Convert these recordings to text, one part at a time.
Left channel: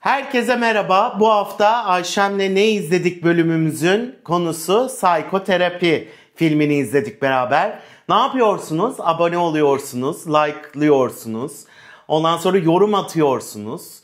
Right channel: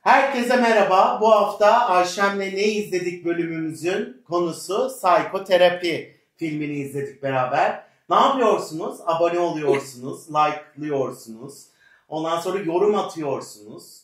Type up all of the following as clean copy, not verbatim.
Herkese merhaba. Bu hafta Ayşem'le ne izledik bölümümüzün konusu psikoterapi filmini izledik beraber. Ne yapıyorsunuz? Abone oluyorsunuz, like'lıyorsunuz. Ondan sonra yorum atıyorsunuz.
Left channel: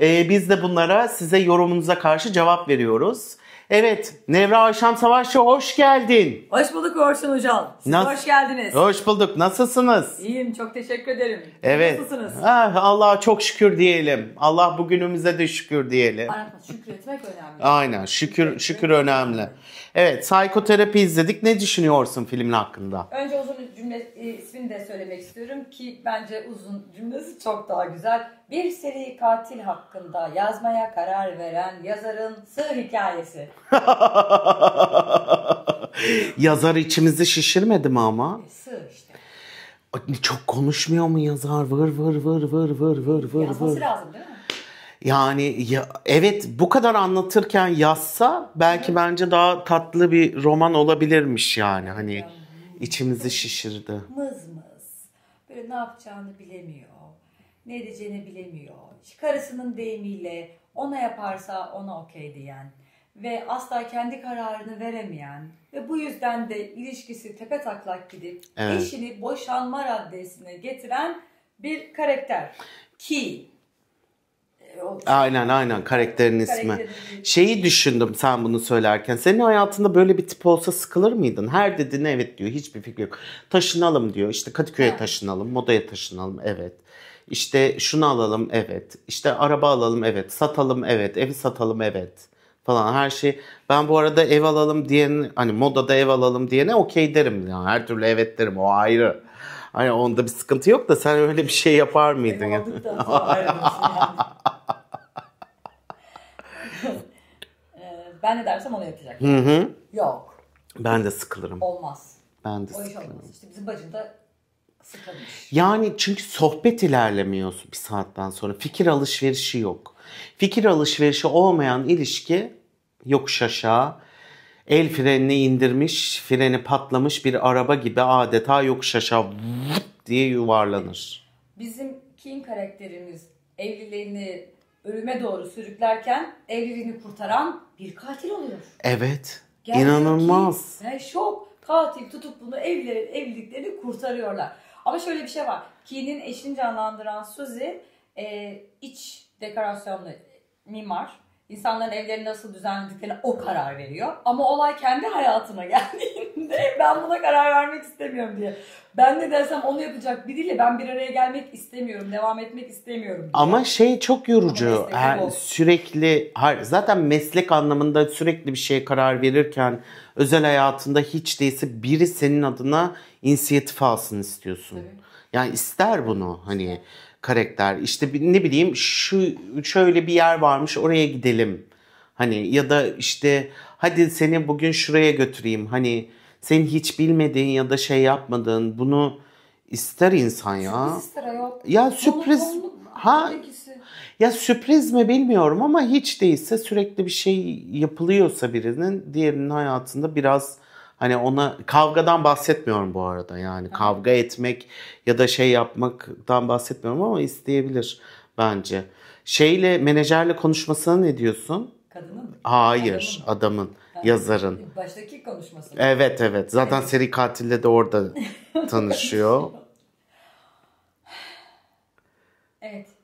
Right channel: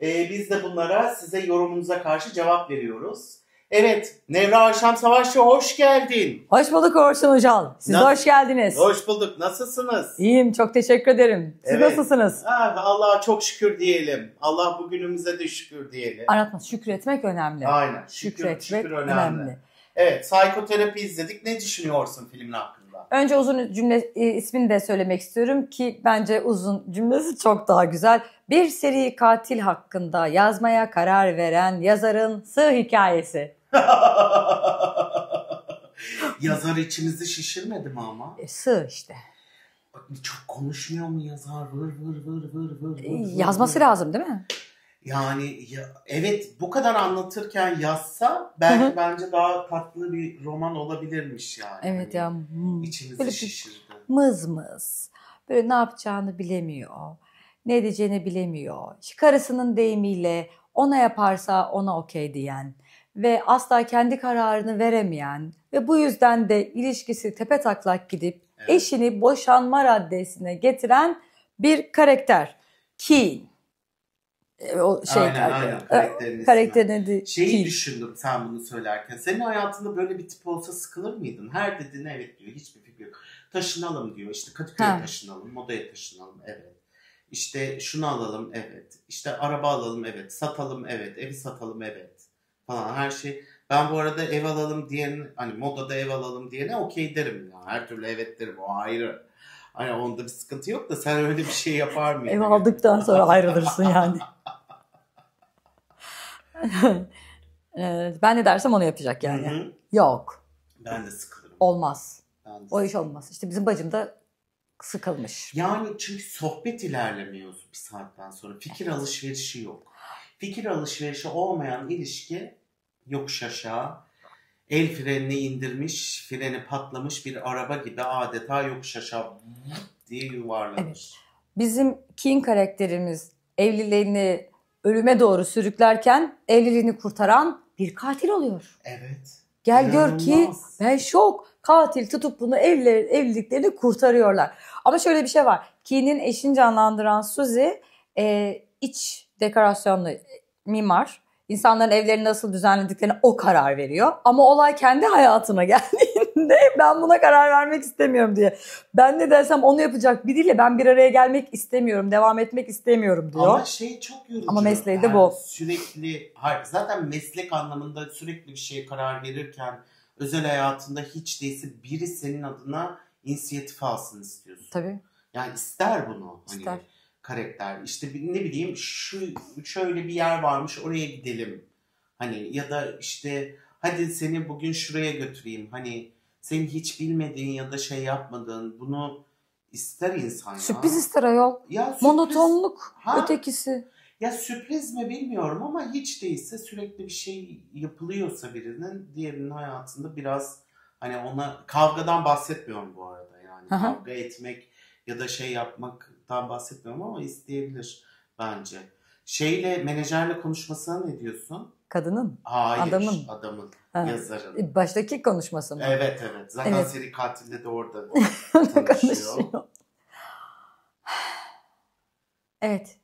Biz de bunlara size yorumunuza karşı cevap veriyoruz. Evet, Nevra Ayşem Savaşçı hoş geldin. Hoş bulduk Orçun Hocam. Siz de hoş geldiniz. Hoş bulduk. Nasılsınız? İyiyim, çok teşekkür ederim. Siz nasılsınız? Allah'a çok şükür diyelim. Allah bugünümüze de şükür diyelim. Anlatma, şükretmek önemli. Aynen, şükür önemli. Evet, psikoterapi izledik. Ne düşünüyorsun filmin hakkında? Önce uzun cümle ismini de söylemek istiyorum ki bence uzun cümlesi çok daha güzel. Bir seri katil hakkında yazmaya karar veren yazarın sığ hikayesi. Yazar içimizi şişirmedi mi ama? Sığ işte. Çok konuşmuyor mu yazar? Vır. Yazması lazım değil mi? Yani evet, bu kadar anlatırken yazsa belki bence daha tatlı bir roman olabilirmiş yani. Evet, hani ya, içimizi böyle şişirdi. Mız. Böyle ne yapacağını bilemiyor. Ne edeceğini bilemiyor. Karısının deyimiyle ona yaparsa ona okey diyen ve asla kendi kararını veremeyen ve bu yüzden de ilişkisi tepetaklak gidip eşini boşanma raddesine getiren bir karakter. Ki Aynen karakterin ismi. Şeyi düşündüm sen bunu söylerken. Senin hayatında böyle bir tip olsa sıkılır mıydın? Her dediğine evet diyor, hiçbir fikri yok. Taşınalım diyor. İşte Kadıköy'e taşınalım, Moda'ya taşınalım, evet. İşte şunu alalım, evet. İşte araba alalım, evet. Satalım, evet. Evi satalım, evet. Falan her şey. Ben bu arada ev alalım diyen, hani Moda'da ev alalım diyene okey derim. Yani her türlü evet derim, o ayrı. Hani onda bir sıkıntı yok da sen öyle bir şey yapar mıydın? Ev aldıktan sonra ayrılırsın yani. Ben ne dersem onu yapacak yani. Hı-hı. Yok. Ben de sıkılırım. Olmaz. Ben de o iş olmaz. İşte bizim bacım da sıkılmış. Yani çünkü sohbet ilerlemiyor bir saatten sonra. Fikir alışverişi yok. Fikir alışverişi olmayan ilişki yokuş aşağı, el frenini indirmiş, freni patlamış bir araba gibi adeta yokuş aşağı diye yuvarlanır. Evet. Bizim King karakterimiz evliliğini ölüme doğru sürüklerken evliliğini kurtaran bir katil oluyor. Evet. Gel İnanılmaz. Gör ki ben şok. Katil tutup bunu evliliklerini kurtarıyorlar. Ama şöyle bir şey var. Keen'in eşini canlandıran Suzy iç dekorasyonlu mimar. İnsanların evlerini nasıl düzenlediklerine o karar veriyor. Ama olay kendi hayatına geldiğinde ben buna karar vermek istemiyorum diye. Ben ne dersem onu yapacak biriyle ben bir araya gelmek istemiyorum, devam etmek istemiyorum diyor. Ama çok yorucu. Ama mesleği de bu. Sürekli, zaten meslek anlamında sürekli bir şeye karar verirken özel hayatında hiç değilse biri senin adına inisiyatif alsın istiyorsun. Tabii. Yani ister bunu hani İster. Karakter. İşte ne bileyim şöyle bir yer varmış, oraya gidelim. Hani ya da işte hadi seni bugün şuraya götüreyim. Hani senin hiç bilmediğin ya da şey yapmadığın bunu ister insan ya. Sürpriz ister ayol. Ya sürpriz. Monotonluk ötekisi. Ya sürpriz mi bilmiyorum ama hiç değilse sürekli bir şey yapılıyorsa diğerinin hayatında biraz hani ona, kavgadan bahsetmiyorum bu arada yani. Aha. Kavga etmek ya da şey yapmaktan bahsetmiyorum ama isteyebilir bence. Menajerle konuşmasına ne diyorsun? Kadının? Hayır, adamın, yazarın. Baştaki konuşması mı? Evet. Zaten seri katille de orada tanışıyor. Evet.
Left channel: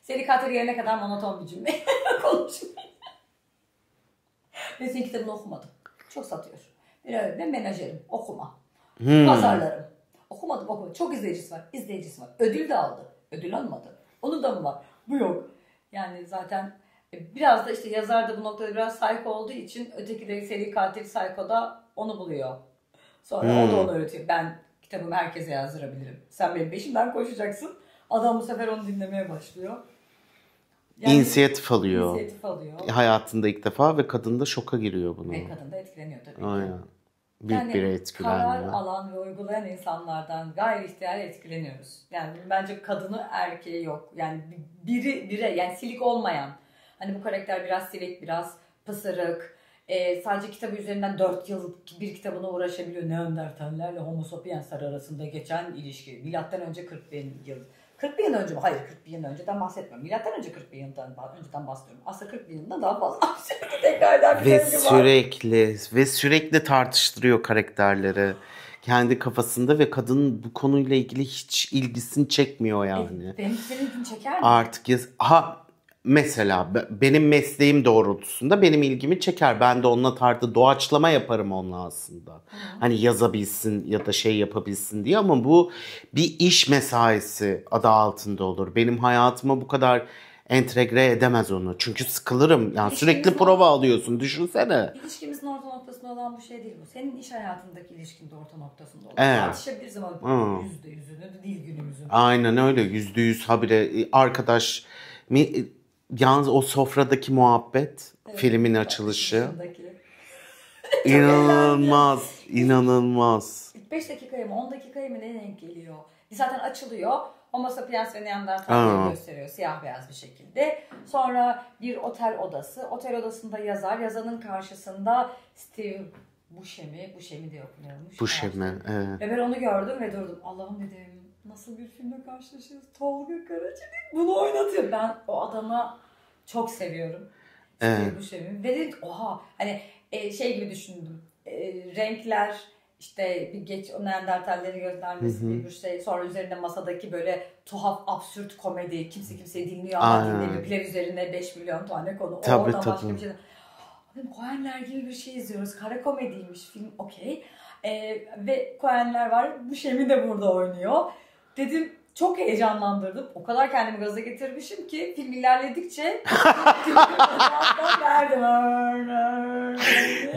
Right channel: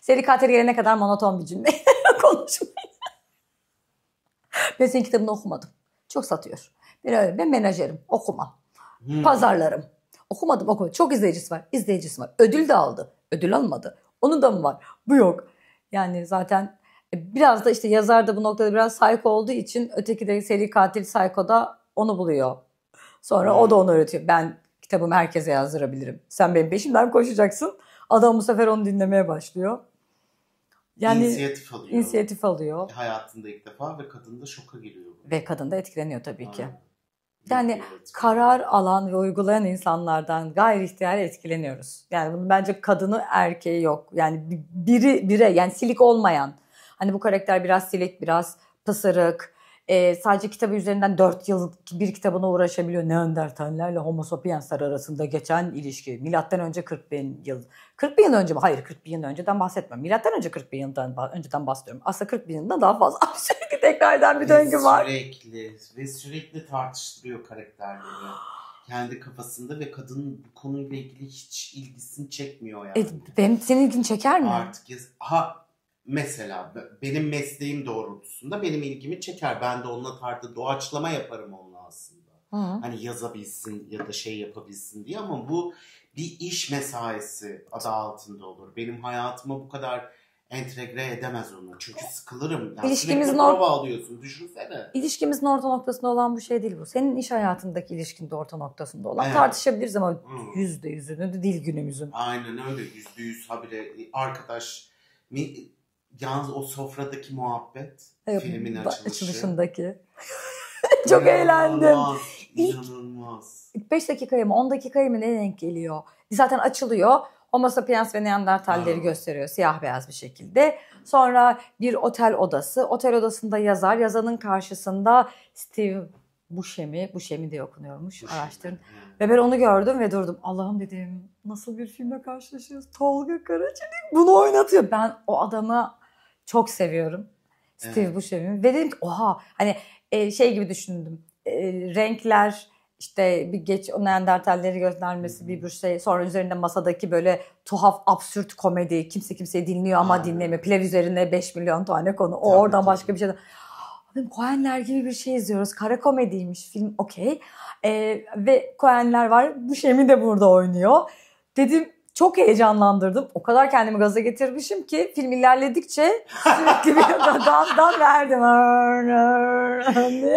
Seri katil gelene kadar monoton bir cümle konuşmayın. Ben senin kitabını okumadım. Çok satıyor. Ben menajerim. Okumam. Pazarlarım. Okumadım. Çok izleyicisi var. Ödül de aldı. Ödül almadı. Onun da mı var? Bu yok. Yani zaten biraz da işte yazar da bu noktada biraz psycho olduğu için öteki de seri katil psycho'da onu buluyor. Sonra o da onu öğretiyor. Ben kitabımı herkese yazdırabilirim. Sen benim peşimden koşacaksın. Adam bu sefer onu dinlemeye başlıyor. Yani İnisiyatif alıyor. Hayatında ilk defa ve kadın da şoka giriyor buna. Ve kadın da etkileniyor tabii ki. Aynen. Yani karar alan ve uygulayan insanlardan gayri ihtiyari etkileniyoruz. Yani bunun bence kadını erkeği yok. Yani bire yani silik olmayan. Hani bu karakter biraz silik, biraz pısırık. Sadece kitabı üzerinden 4 yıl bir kitabına uğraşabiliyor. Neandertallerle Homo sapiensler arasında geçen ilişki. Milattan önce 40 bin yıl 40 bin yıl önce mi? Hayır, 40 bin yıl önceden bahsetmiyorum. Milattan önce 40 bin yıldan önceden bahsediyorum. Aslında 40 bin yıldan daha fazla. Sürekli tekrar eden bir döngü var. Sürekli tartıştırıyor karakterleri. Kendi kafasında ve kadın bu konuyla ilgili hiç ilgisini çekmiyor yani. Senin ilgini çeker mi? Artık mesela benim mesleğim doğrultusunda benim ilgimi çeker. Ben de onunla doğaçlama yaparım onunla aslında. Hı. Hani yazabilsin ya da şey yapabilsin diye, ama bu bir iş mesaisi adı altında olur. Benim hayatıma bu kadar entegre edemez onu. Çünkü sıkılırım. Yani sürekli prova alıyorsun. Düşünsene. İlişkimizin orta noktasında olan bu şey değil bu. Senin iş hayatındaki ilişkin de orta noktasında olan. Evet. Tartışabiliriz ama %100'ünü de değil günümüzün. Aynen öyle. %100 habire arkadaş. Yalnız o sofradaki muhabbet, evet, filmin açılışı. Çok inanılmaz, inanılmaz. 5 dakikaya mı 10 dakikaya mı ne denk geliyor? Zaten açılıyor. Homo sapiens ve Neandertalleri gösteriyor siyah beyaz bir şekilde. Sonra bir otel odası. Otel odasında yazar. Yazanın karşısında Steve Buscemi diye okunuyormuş. Buscemi, evet. Ve ben onu gördüm ve durdum. Allah'ım dedim, nasıl bir filmle karşılaşıyoruz? Tolga Karaçelik bunu oynatıyor. Ben o adamı çok seviyorum. Steve Buscemi. Ve dedim ki oha, hani şey gibi düşündüm. Renkler, işte bir o Neandertalleri göstermesi, bir şey. Sonra üzerinde masadaki böyle tuhaf, absürt komedi. Kimse kimseyi dinliyor ama dinlemiyor. Pilav üzerine 5 milyon tane konu. Oradan başka bir şey. Coen'ler gibi bir şey izliyoruz. Kara komediymiş film, okey. Ve Coen'ler var. Buscemi de burada oynuyor. Dedim, çok heyecanlandırdım. O kadar kendimi gaza getirmişim ki film ilerledikçe sürekli bir gazdan verdim.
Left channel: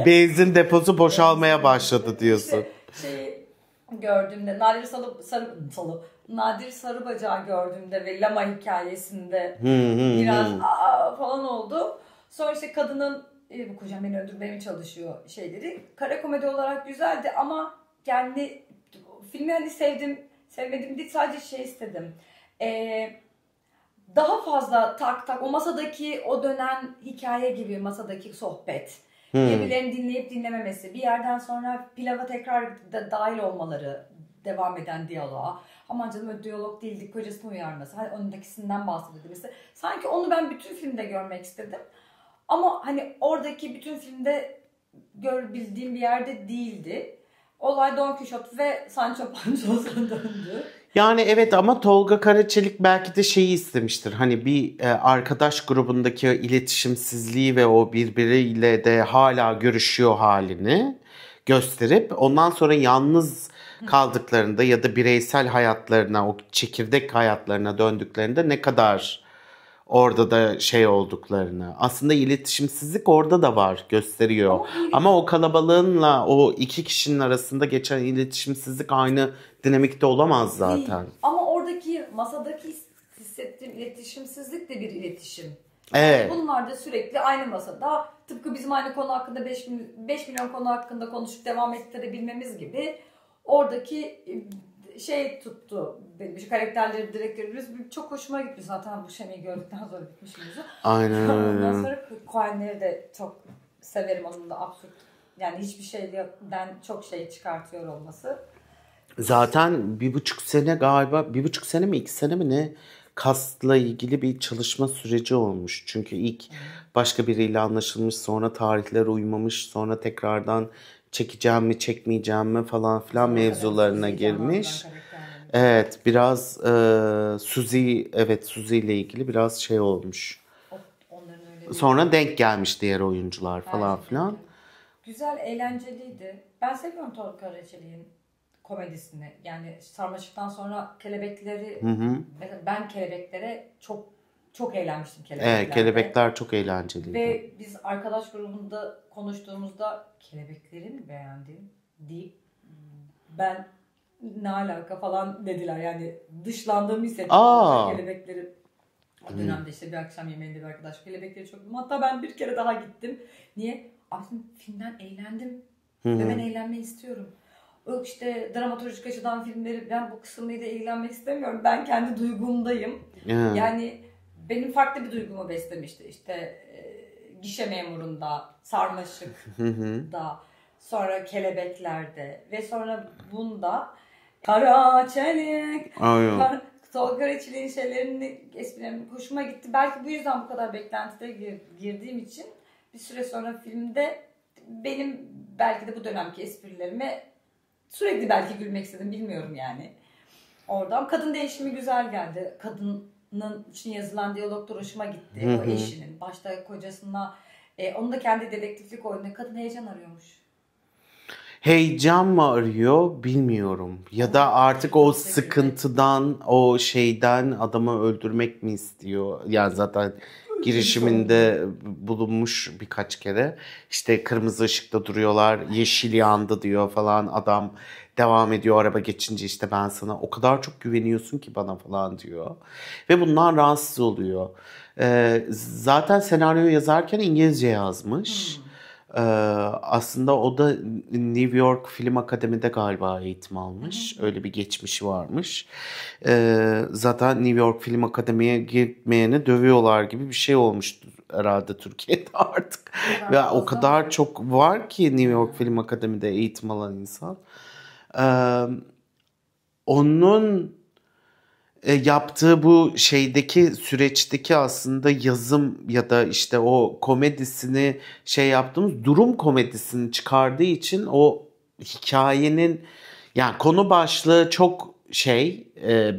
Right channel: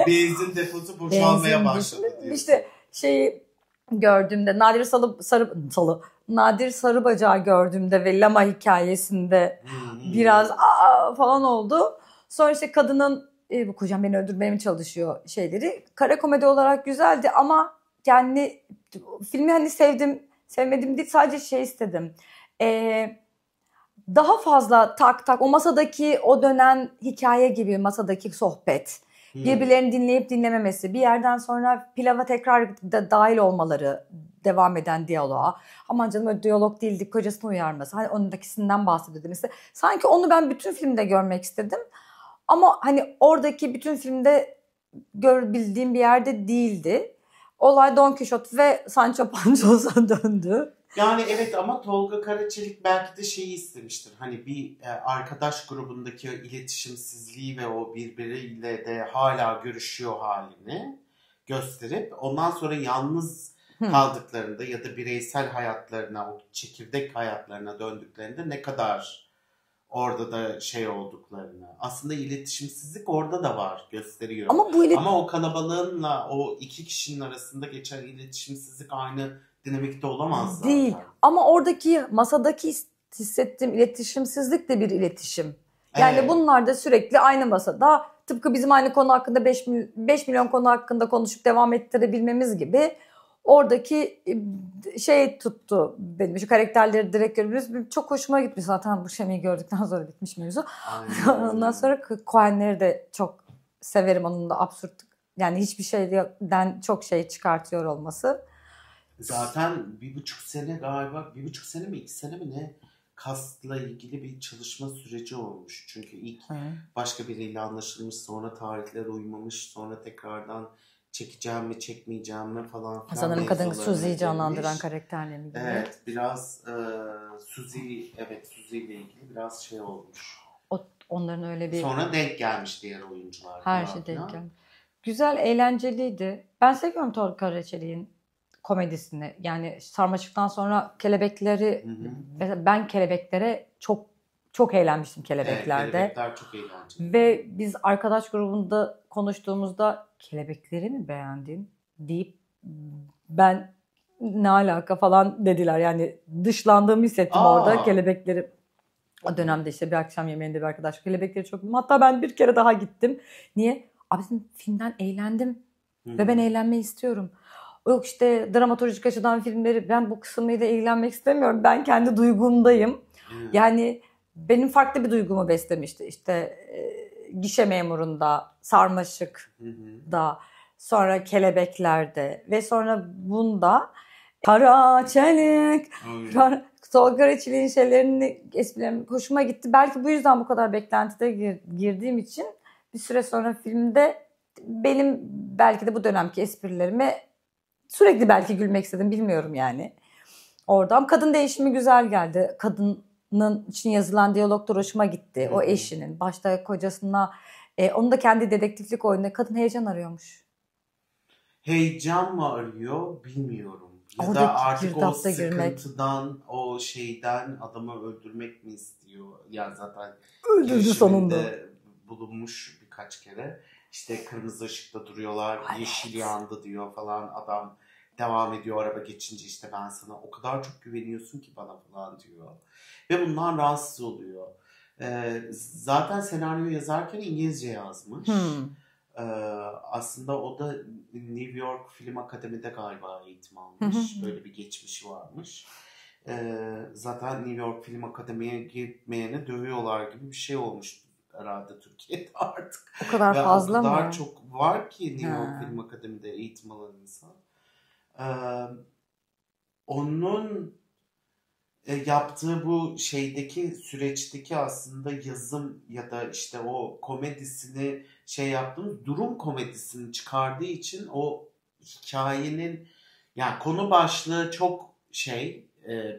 Benzin deposu boşalmaya başladı diyorsun. İşte şeyi gördüğümde, Nadir Sarıbacak'ı gördüğümde ve Lama hikayesinde biraz falan oldu. Sonra işte kadının bu kocam beni öldürmeye mi çalışıyor şeyleri. Kara komedi olarak güzeldi ama yani filmi hani sevmedim değil, sadece şey istedim. Daha fazla tak o masadaki o dönen hikaye gibi, masadaki sohbet. Birbirlerini dinleyip dinlememesi. Bir yerden sonra pilava tekrar dahil olmaları, devam eden diyaloğa. Aman canım öyle diyalog değildi, kocasını uyarması. Hani onundakisinden bahsediyordu mesela. Sanki onu ben bütün filmde görmek istedim. Ama hani oradaki bütün filmde görebildiğim bir yerde değildi. Olay Don Quixote ve Sancho Panza'ya döndü. Yani evet, ama Tolga Karaçelik belki de şeyi istemiştir. Hani bir arkadaş grubundaki iletişimsizliği ve o birbiriyle de hala görüşüyor halini gösterip ondan sonra yalnız kaldıklarında ya da bireysel hayatlarına, o çekirdek hayatlarına döndüklerinde ne kadar orada da şey olduklarını. Aslında iletişimsizlik orada da var, gösteriyor. Ama o kalabalığınla o iki kişinin arasında geçen iletişimsizlik aynı dinamikte olamaz zaten. Değil. Ama oradaki masadaki hissettiğim iletişimsizlik de bir iletişim. Yani bunlar da sürekli aynı masada, tıpkı bizim aynı konu hakkında 5 milyon konu hakkında konuşup devam ettirebilmemiz gibi. Oradaki şey tuttu benim. Şu karakterleri direkt görüyoruz. Çok hoşuma gitmiş zaten bu Şemi'yi gördükten sonra bitmiş mevzu. Aynen. Ondan sonra Coen'leri de çok severim. Onun da absürt, yani hiçbir şeyden çok şey çıkartıyor olması. Zaten 1,5 sene galiba, 1,5 sene mi 2 sene mi ne, kastla ilgili bir çalışma süreci olmuş. Çünkü ilk başka biriyle anlaşılmış, sonra tarihler uymamış, sonra tekrardan çekeceğim mi çekmeyeceğim mi falan filan mevzularına girmiş. Evet, biraz Suzy ile ilgili biraz şey olmuş. Onların öyle bir... Sonra denk gelmiş diğer oyuncular falan filan. Güzel, eğlenceliydi. Ben seviyorum Tolga Karaçelik'in komedisini. Yani Sarmaşık'tan sonra Kelebekleri, ben Kelebeklere çok eğlenmiştim Kelebeklerde. Evet, Kelebekler çok eğlenceliydi. Ve biz arkadaş grubunda konuştuğumuzda Kelebekleri mi beğendin deyip ben ne alaka falan dediler. Yani dışlandığımı hissettim orada Kelebekleri. O dönemde işte bir akşam yemeğinde bir arkadaş Kelebekleri çok bildim. Hatta ben bir kere daha gittim. Niye? Abi filmden eğlendim. Ve ben eğlenmeyi istiyorum. Yok işte dramaturjik açıdan filmleri, ben bu kısmıyla ilgilenmek istemiyorum. Ben kendi duygumdayım. Yani benim farklı bir duygumu beslemişti. İşte Gişe Memurunda, Sarmaşık'da, sonra Kelebekler'de ve sonra bunda Karaçelik. Tolga Reçeli'nin şeylerini, esprilerini hoşuma gitti. Belki bu yüzden bu kadar beklentide girdiğim için bir süre sonra filmde benim belki de bu dönemki esprilerime sürekli belki gülmek istedim, bilmiyorum yani. Oradan kadın değişimi güzel geldi. Kadının için yazılan diyaloglar hoşuma gitti. Hı hı. O eşinin, başta kocasına, onun da kendi dedektiflik oyununda kadın heyecan arıyormuş. Heyecan mı arıyor bilmiyorum. Ya Orada da artık o girdapta sıkıntıdan, o şeyden adamı öldürmek mi istiyor? Yani zaten Öldürdü girişiminde bulunmuş birkaç kere. İşte kırmızı ışıkta duruyorlar, yeşil yandı diyor falan. Adam devam ediyor araba geçince, işte ben sana o kadar çok güveniyorsun ki bana falan diyor. Ve bundan rahatsız oluyor. Zaten senaryo yazarken İngilizce yazmış. Aslında o da New York Film Akademi'de galiba eğitim almış. Öyle bir geçmişi varmış. Zaten New York Film Akademi'ye gitmeyeni dövüyorlar gibi bir şey olmuştu herhalde Türkiye'de artık. Ve o kadar mı? çok var ki New York Film Akademi'de eğitim alan insan. Onun yaptığı bu şeydeki süreçteki aslında yazım ya da işte o komedisini yaptığımız durum komedisini çıkardığı için o hikayenin, yani konu başlığı çok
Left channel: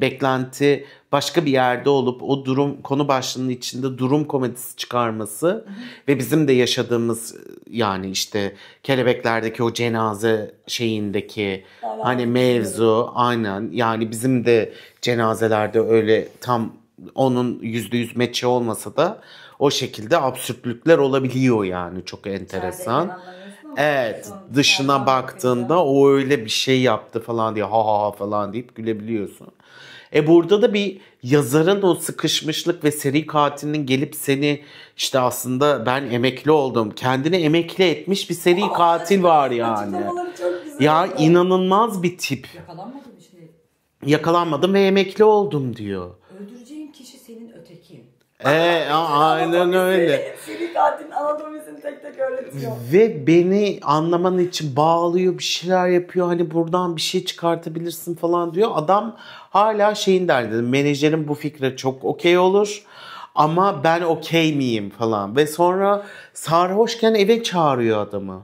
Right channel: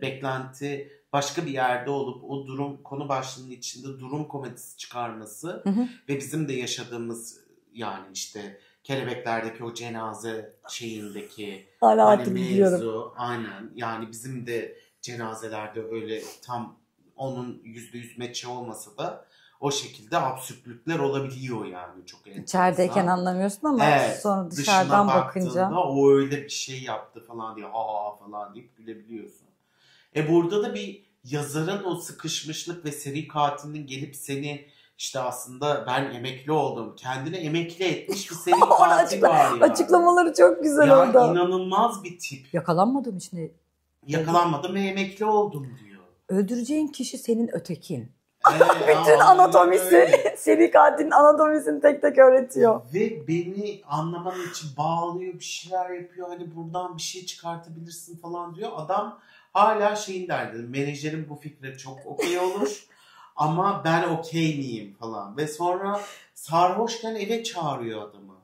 beklenti başka bir yerde olup o durum konu başlığının içinde durum komedisi çıkarması ve bizim de yaşadığımız, yani işte Kelebekler'deki o cenaze şeyindeki hani mevzu, aynen, yani bizim de cenazelerde öyle tam onun %100 meçi olmasa da o şekilde absürtlükler olabiliyor, yani çok enteresan. İçerideyken anlamıyorsun ama sonra dışına baktığında bakınca o öyle bir şey yaptı falan diye ha ha falan deyip gülebiliyorsun. Burada da bir yazarın o sıkışmışlık ve seri katilinin gelip seni işte aslında ben emekli oldum, kendini emekli etmiş bir seri katil var yani. Açıklamaları çok güzel ya oldu. İnanılmaz bir tip. Yakalanmadım işte. Yakalanmadım ve emekli oldum diyor. Öldüreceğin kişi senin ötekin. Bütün anatomisi, seri katilin anatomisini tek tek öğretiyor. Ve beni anlaman için bağlıyor, bir şeyler yapıyor. Hani buradan bir şey çıkartabilirsin falan diyor. Adam hala şeyin derdi. Menajerim bu fikre çok okey olur. Ama ben okey miyim falan. Ve sonra sarhoşken eve çağırıyor adamı.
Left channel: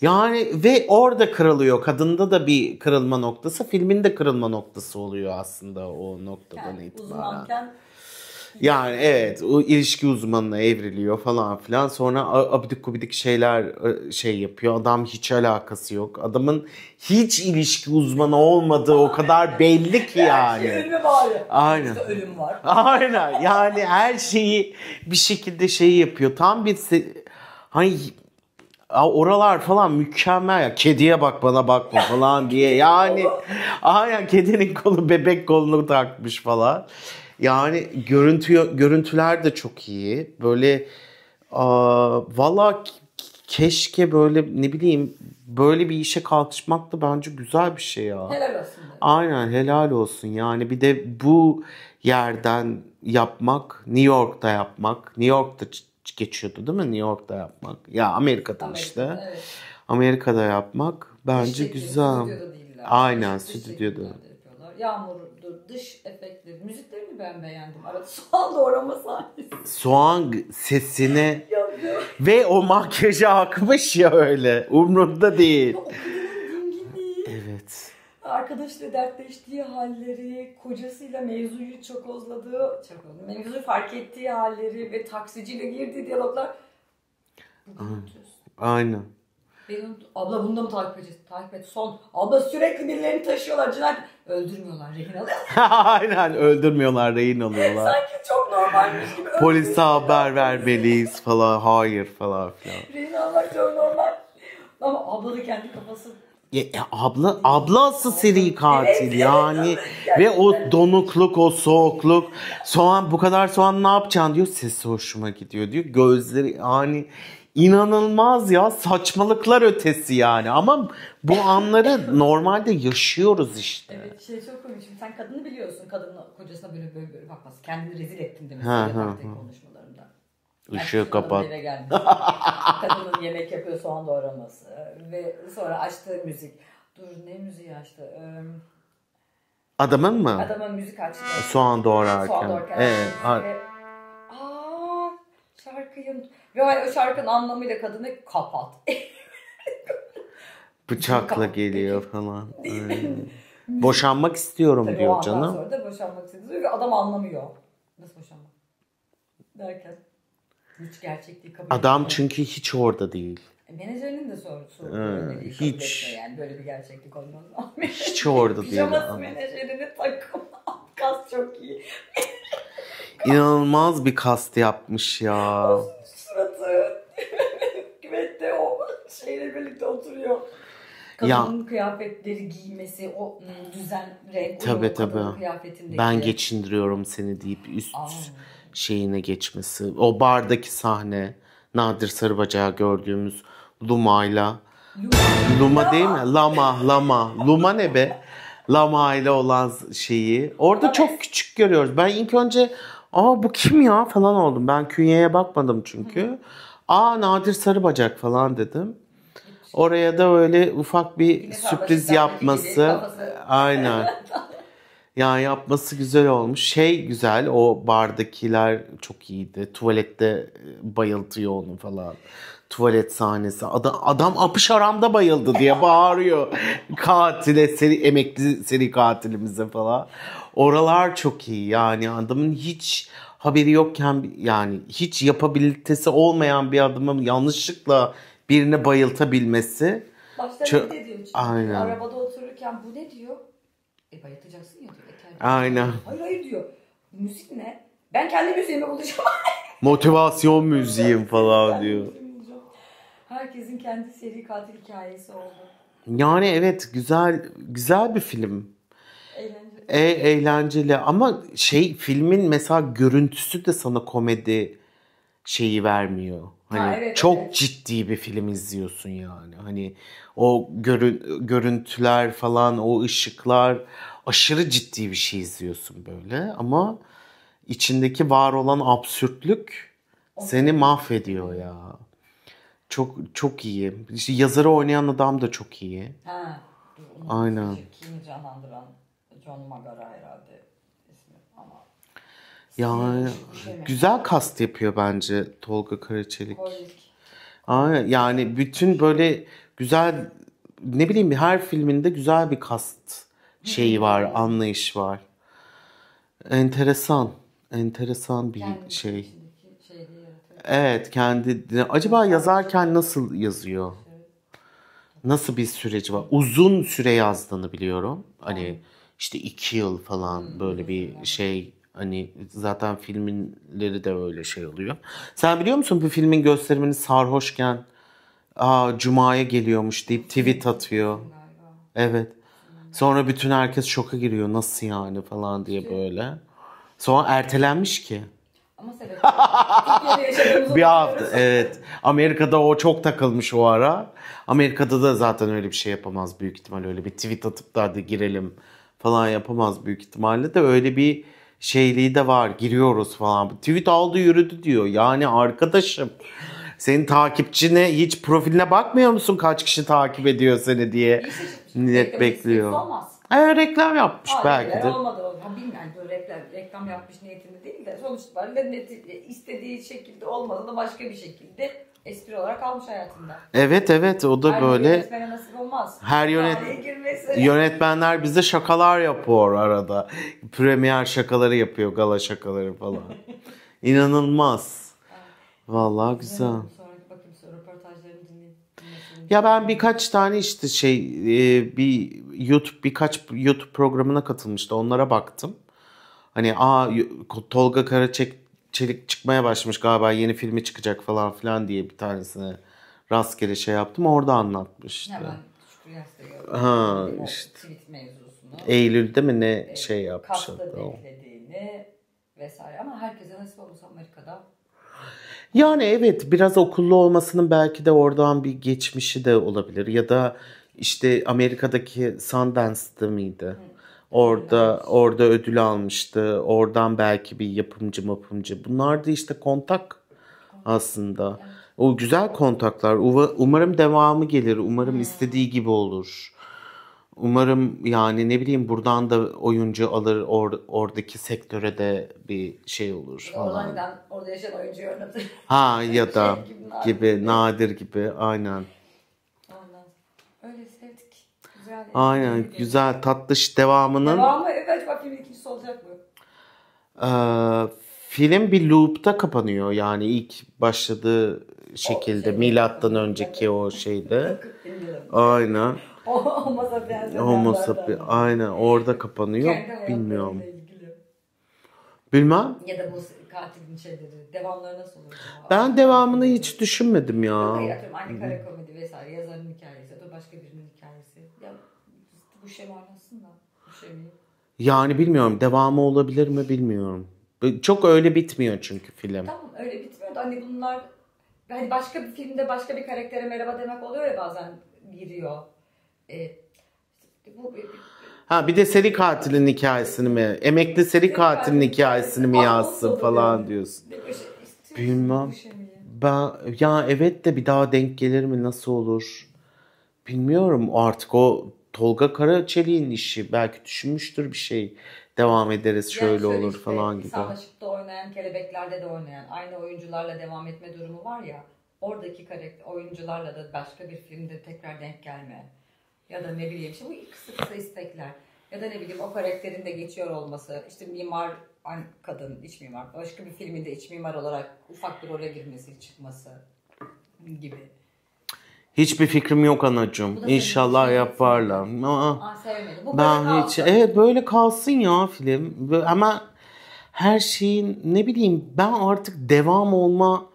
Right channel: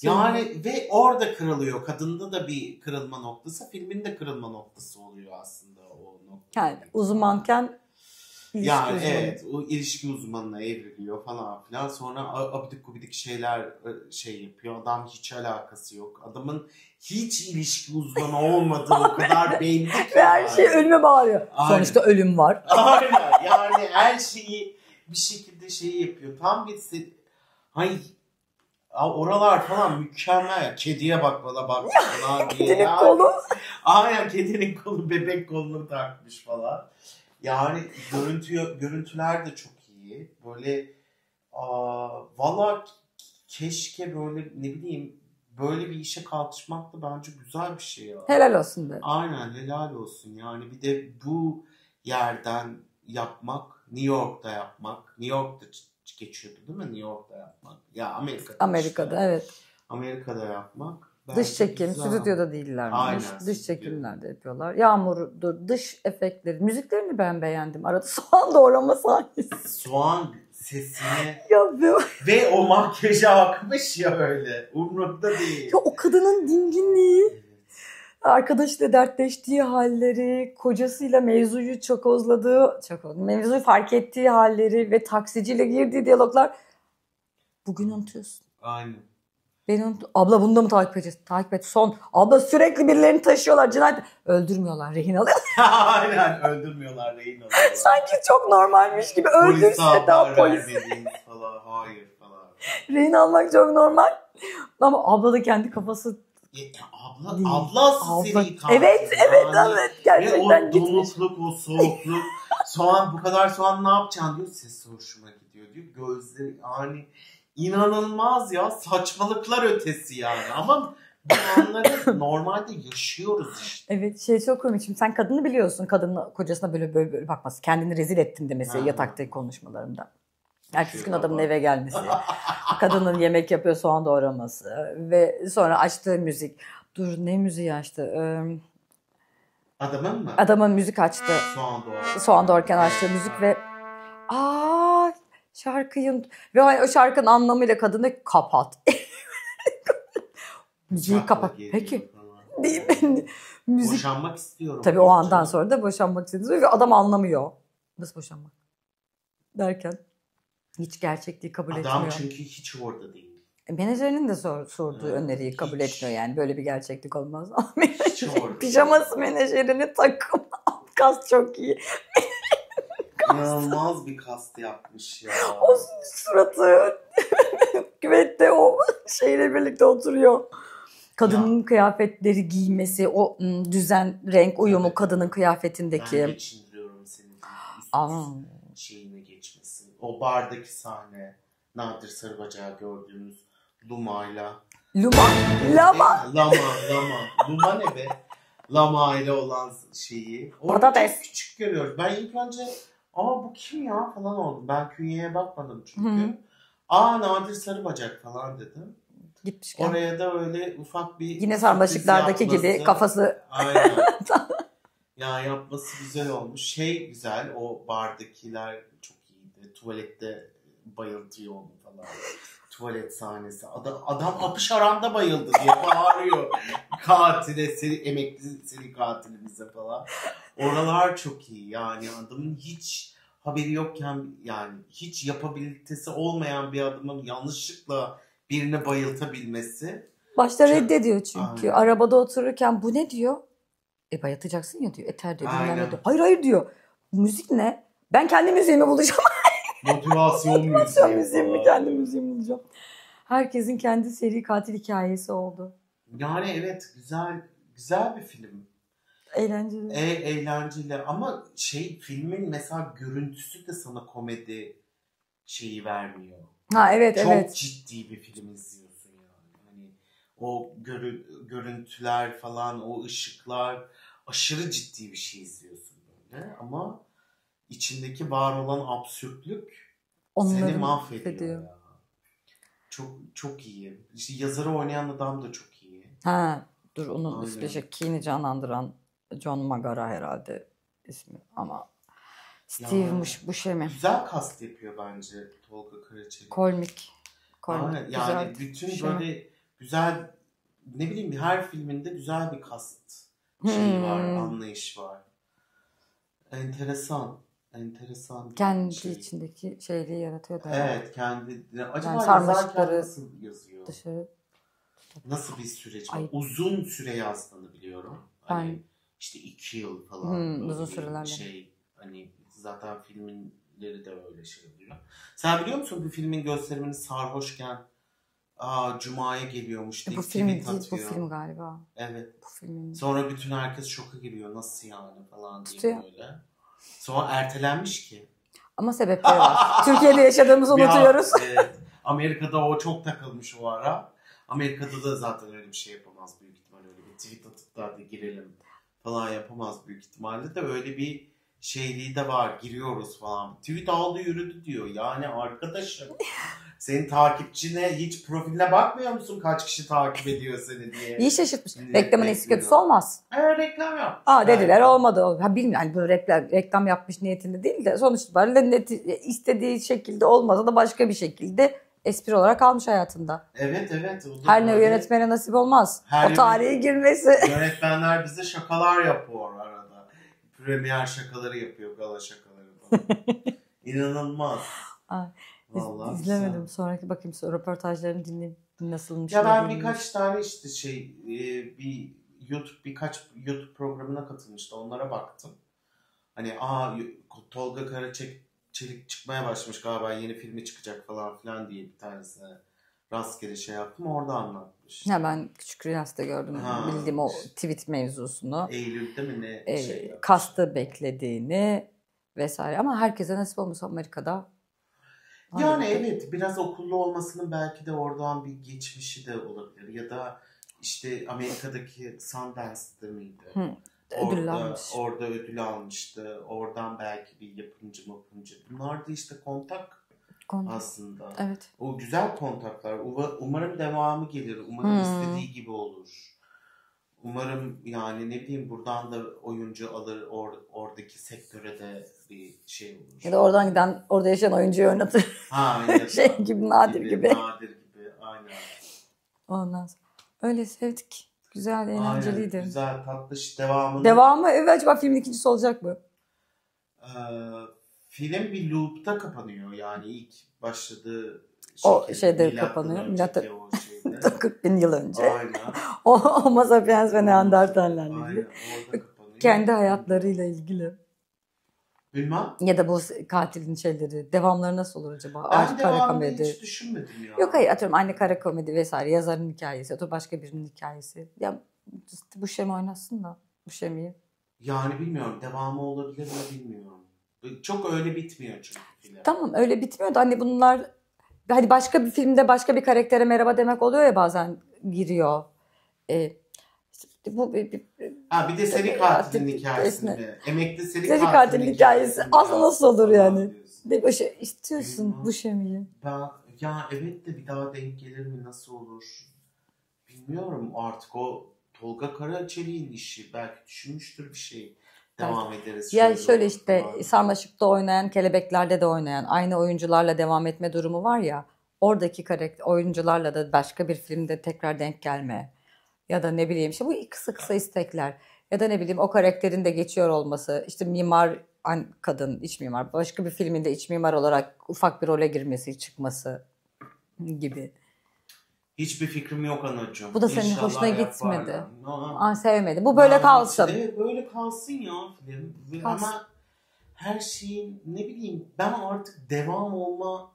Yani ve orada kırılıyor. Kadında da bir kırılma noktası. Filmin de kırılma noktası oluyor aslında o noktadan itibaren. Uzmanken yani evet, o ilişki uzmanına evriliyor falan filan. Sonra abidik gubidik şeyler yapıyor. Adam hiç alakası yok. Adamın hiç ilişki uzmanı olmadığı o kadar belli ki yani. Her şey ölüme bağırıyor. Aynen. Sonuçta ölüm var. Aynen, yani her şeyi bir şekilde yapıyor. Tam bir hani oralar falan mükemmel ya. Kediye bak bana bakma falan diye. Yani aynen, kedinin kolu bebek kolunu takmış falan. Yani görüntüler de çok iyi. Böyle valla keşke böyle ne bileyim böyle bir işe kalkışmak da bence güzel bir şey ya. Helal olsun dedim. Aynen, helal olsun. Yani bir de bu yerden yapmak, New York'ta yapmak. New York'ta geçiyordu değil mi? New York'ta yapmak. Ya Amerika'da işte. Evet. Amerika'da yapmak bence dış çekim, güzel. Stüdyoda değiller. Aynen, dış stüdyoda. çekimlerde yapıyorlar. Yağmurdur, dış efektleri, müziklerini ben beğendim. Arada soğan doğrama sahnesi. Soğan sesini ve o makyajı akmış ya öyle. Umrunda değil. Ya o kadının dinginliği. Evet. Arkadaşıyla dertleştiği halleri, kocasıyla mevzuyu mevzuyu fark ettiği halleri ve taksiciyle girdiği diyaloglar. Bugün unutuyorsun. Aynen. Abla bunu da mı takip edeceğiz? Takip et. Abla sürekli birilerini taşıyorlar. Cinayet. Öldürmüyorlar. Rehin alıyorlar. Aynen, öldürmüyorlar. Rehin alıyorlar. Sanki çok normalmiş gibi. Polise haber vermeliyiz falan. Hayır falan filan. Rehin almak çok normal. Ama abla da kendi kafası... Ablası seri katil yani. Evet, ve o donukluk, o soğukluk. Bu kadar soğan ne yapacaksın diyor. Sesi hoşuma gidiyor diyor. Gözleri yani inanılmaz ya, saçmalıklar ötesi yani. Ama bu anları normalde yaşıyoruz işte. Evet, çok komik. Şimdi sen kadını biliyorsun. Kadının kocasına böyle bakması. Kendini rezil ettim demesi yataktaki konuşmalarında. Ertesi gün adamın eve gelmesi. Kadının yemek yapıyor, soğan doğraması. Ve sonra açtığı müzik. Dur, ne müziği açtı? Adamın mı? Adamın müzik açtı. Soğan doğrarken. Soğan doğrarken açtı müzik ve şarkıyı ve o şarkının anlamıyla kadını kapat. Bıçakla geliyor peki, falan. Boşanmak istiyorum tabii diyor canım. Tabii o andan canım. sonra da boşanmak istediğini ve adam anlamıyor. Nasıl boşanmak? Derken hiç gerçekliği kabul etmiyor. Adam çünkü hiç orada değil. Menajerinin de sorduğu öneriyi kabul etmiyor yani. Böyle bir gerçeklik olmaz. Hiç orada değil. Pijaması menajerini takım. Kas çok iyi. İnanılmaz bir kast yapmış ya. O suratı küvette o şeyle birlikte oturuyor. Kadının kıyafetleri giymesi, o düzen, renk uyumu tabii, kadının kıyafetindeki. Ben geçindiriyorum seni deyip üst şeyine geçmesi. O bardaki sahne, Nadir Sarıbacak'ı gördüğümüz Luma'yla. Luma değil mi? Lama. Luma ne be? Lama ile olan şeyi. Orada çok küçük görüyoruz. Ben ilk önce bu kim ya falan oldum. Ben künyeye bakmadım çünkü. Nadir Sarıbacak falan dedim. Gitmişken. Oraya da öyle ufak bir yine sürpriz yapması. Gibi kafası. Aynen. Ya yapması güzel olmuş. Şey güzel, o bardakiler çok iyiydi. Tuvalette bayıltıyor onu falan. Tuvalet sahnesi. Adam apış aranda bayıldı diye bağırıyor. Katile, emekli seri katilimize falan. Oralar çok iyi. Yani adamın hiç haberi yokken, yani hiç yapabilitesi olmayan bir adamın yanlışlıkla birini bayıltabilmesi. Başta reddediyor çünkü. Aynen. Arabada otururken bu ne diyor? Bayatacaksın ya diyor. Eter diyor. Aynen. Hayır diyor. Müzik ne? Ben kendi müziğimi bulacağım. Motivasyon müziği falan diyor. Herkesin kendi seri katil hikayesi oldu. Yani evet, güzel bir film. Eğlenceli. Eğlenceli ama filmin mesela görüntüsü de sana komedi şeyi vermiyor. Hani evet, çok ciddi bir film izliyorsun yani. Hani o görüntüler falan, o ışıklar, aşırı ciddi bir şey izliyorsun böyle ama içindeki var olan absürtlük seni mahvediyor ya. Çok çok iyi. İşte yazarı oynayan adam da çok iyi. Dur onu işte Keen'i canlandıran John Magara herhalde ismi ama yani bu şey mi? Güzel kast yapıyor bence Tolga Karaçelik. Komik. Yani güzel, bütün böyle güzel, ne bileyim, her filminde güzel bir kast şeyi var, anlayış var. Enteresan bir kendi şey. Kendi içindeki şeyliği yaratıyor. Evet, acaba yazarken nasıl yazıyor? Dışarı. Nasıl bir süreci var? Uzun süre yazdığını biliyorum. Hani işte 2 yıl falan böyle bir şey. Hani zaten filmleri de öyle şey oluyor. Sen biliyor musun bu filmin gösterimini sarhoşken Cuma'ya geliyormuş deyip tweet atıyor. Bu film galiba. Evet. Sonra bütün herkes şoka giriyor. Nasıl yani falan diye böyle. Sonra ertelenmiş ki. Ama sebepleri var. Türkiye'de yaşadığımızı unutuyoruz. Evet. Amerika'da o çok takılmış o ara. Amerika'da da zaten öyle bir şey yapamaz büyük ihtimal. Öyle bir tweet atıp da hadi girelim falan yapamaz büyük ihtimalle de. Öyle bir şeyliği de var. Giriyoruz falan. Tweet aldı yürüdü diyor. Yani arkadaşım, senin takipçine hiç profiline bakmıyor musun? Kaç kişi takip ediyor seni diye. İyi şaşırtmış. Reklamın esprisi olmaz. Reklam yapmış. Dediler olmadı. Bilmiyorum böyle reklam yapmış niyetinde değil de sonuç itibariyle istediği şekilde olmasa da başka bir şekilde espri olarak almış hayatında. Evet o da her böyle. Her yönetmene nasip olmaz. O tarihe girmesi. Yönetmenler bize şakalar yapıyor arada. Premier şakaları yapıyor, gala şakaları falan. İnanılmaz. Vallahi güzel. Sonraki bakayım röportajlarını dinleyeyim. Nasılmış? Ya ben birkaç tane işte birkaç YouTube programına katılmıştı. Onlara baktım. Hani Tolga Karaçelik çıkmaya başlamış galiba, yeni filmi çıkacak falan filan diye bir tanesine rastgele şey yaptım. Orada anlatmış. Ben Küçük Rüyas'ta gördüm. Bildiğim o tweet mevzusunu. Eylül'de mi ne yapmış. Kastı beklediğini vesaire ama herkese nasip olmuş Amerika'da. Yani evet, biraz okullu olmasının belki de oradan bir geçmişi de olabilir. Ya da işte Amerika'daki Sundance'da mıydı? Orada ödül almıştı. Oradan belki bir yapımcı. Bunlar da işte kontak aslında. Evet. O güzel kontaklar. Umarım devamı gelir. Umarım istediği gibi olur. Umarım yani ne bileyim buradan da oyuncu alır, oradaki sektöre de bir şey olur. Ya da oradan giden, orada yaşayan oyuncuyu oynatır. Ha ya da gibi, nadir gibi aynen. Ondan sonra öyle sevdik. Güzel, eğlenceliydi. Aynen, güzel, tatlış devamını. Devamı evet, acaba filmin ikincisi olacak mı? Film bir loop'ta kapanıyor yani ilk başladığı şekilde milattan önceki o şeyde. 40 bin yıl önce. Aynen. Homo sapiens ve Neandertaller. Aynen, orada kapanıyor. Kendi hayatlarıyla ilgili. Bilmem. Ya da bu katilin şeyleri, devamları nasıl olur acaba? Ben devamını hiç düşünmedim ya. Yok hayır, atıyorum aynı kara komedi vesaire, yazarın hikayesi, atıyorum başka birinin hikayesi. Ya işte bu Şemi oynasın da, bu Şemi'yi. Yani bilmiyorum, devamı olabilir mi bilmiyorum. Çok öyle bitmiyor çünkü film. Tamam, öyle bitmiyor da hani bunlar hani başka bir filmde başka bir karaktere merhaba demek oluyor ya, bazen giriyor. Bir de seri katilin hikayesini mi? Emekli seri katilin hikayesini mi yazsın falan yani diyorsun. Bir şey istiyorsun. Bilmem. Bu Şemi'yi. Ya evet de bir daha denk gelir mi, nasıl olur? Bilmiyorum artık, o Tolga Karaçelik'in işi, belki düşünmüştür bir şey. Devam ederiz şöyle olur işte, falan gibi. Sarmaşık'ta oynayan, Kelebekler'de de oynayan, aynı oyuncularla devam etme durumu var ya. Oradaki oyuncularla da başka bir filmde tekrar denk gelme. Ya da ne bileyim işte bu kısa istekler. Ya da ne bileyim o karakterin de geçiyor olması. İşte mimar kadın, iç mimar. Başka bir filminde iç mimar olarak ufak bir role girmesi, çıkması gibi. Hiçbir fikrim yok anacığım. İnşallah yaparlar. Sevmedim. Bu böyle kalsın. Evet, böyle kalsın ya film. Ama her şeyin ne bileyim, ben artık devam olma,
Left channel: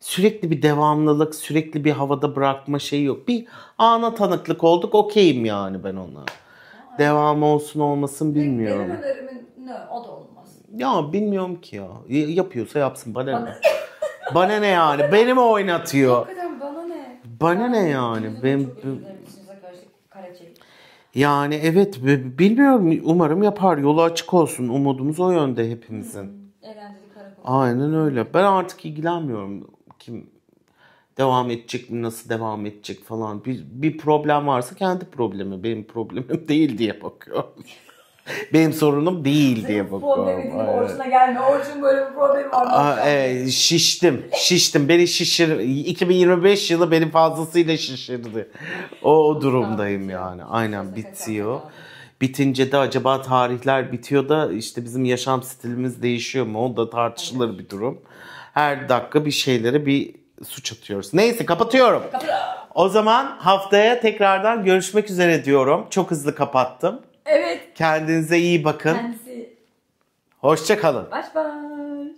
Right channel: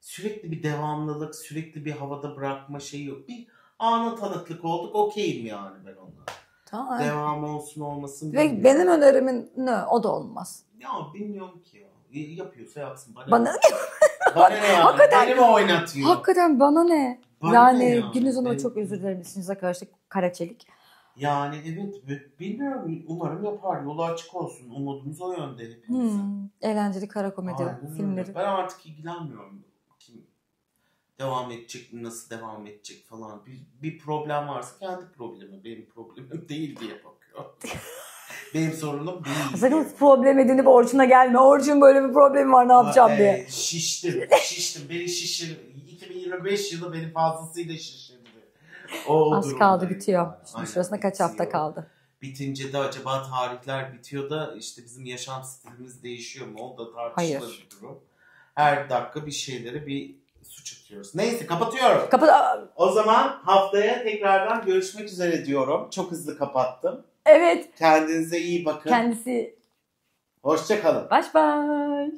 sürekli bir devamlılık, sürekli bir havada bırakma şeyi yok. Bir ana tanıklık olduk, okeyim yani ben ona. Devam olsun olmasın bilmiyorum. Benim önerimin ne? O da olmaz. Ya bilmiyorum ki ya. Yapıyorsa yapsın. Bana ne yani? Hakikaten, beni mi oynatıyor? Hakikaten bana ne? Bana ne yani? Dinozor'a çok özür dilerim. İsminize karşı Karaçelik. Yani evet, bilmiyorum, umarım yapar. Yolu açık olsun. Umudumuz o yönde hepimizin. Eğlenceli kara komedi. Aynen öyle. Ben artık ilgilenmiyorum. Kim devam edecek mi, nasıl devam edecek falan. Bir problem varsa kendi problemi. Benim problemim değil diye bakıyorum. Benim sorunum değil diye bakıyorum. Problem edinip Orçun'a gelme. Orçun böyle bir problemi var, ne yapacağım diye. Şiştim. Beni 2025 yılı beni fazlasıyla şişirdi. O durumdayım yani. Aynen, bitiyor. Kaç hafta kaldı? Bitince de acaba tarihler bitiyor da işte bizim yaşam stilimiz değişiyor mu? O da tartışılır bir durum. Her dakika bir şeylere bir suç atıyoruz. Neyse, kapatıyorum. O zaman haftaya tekrardan görüşmek üzere diyorum. Çok hızlı kapattım. Evet. Kendinize iyi bakın. Kendisi. Hoşça kalın. Baş baş.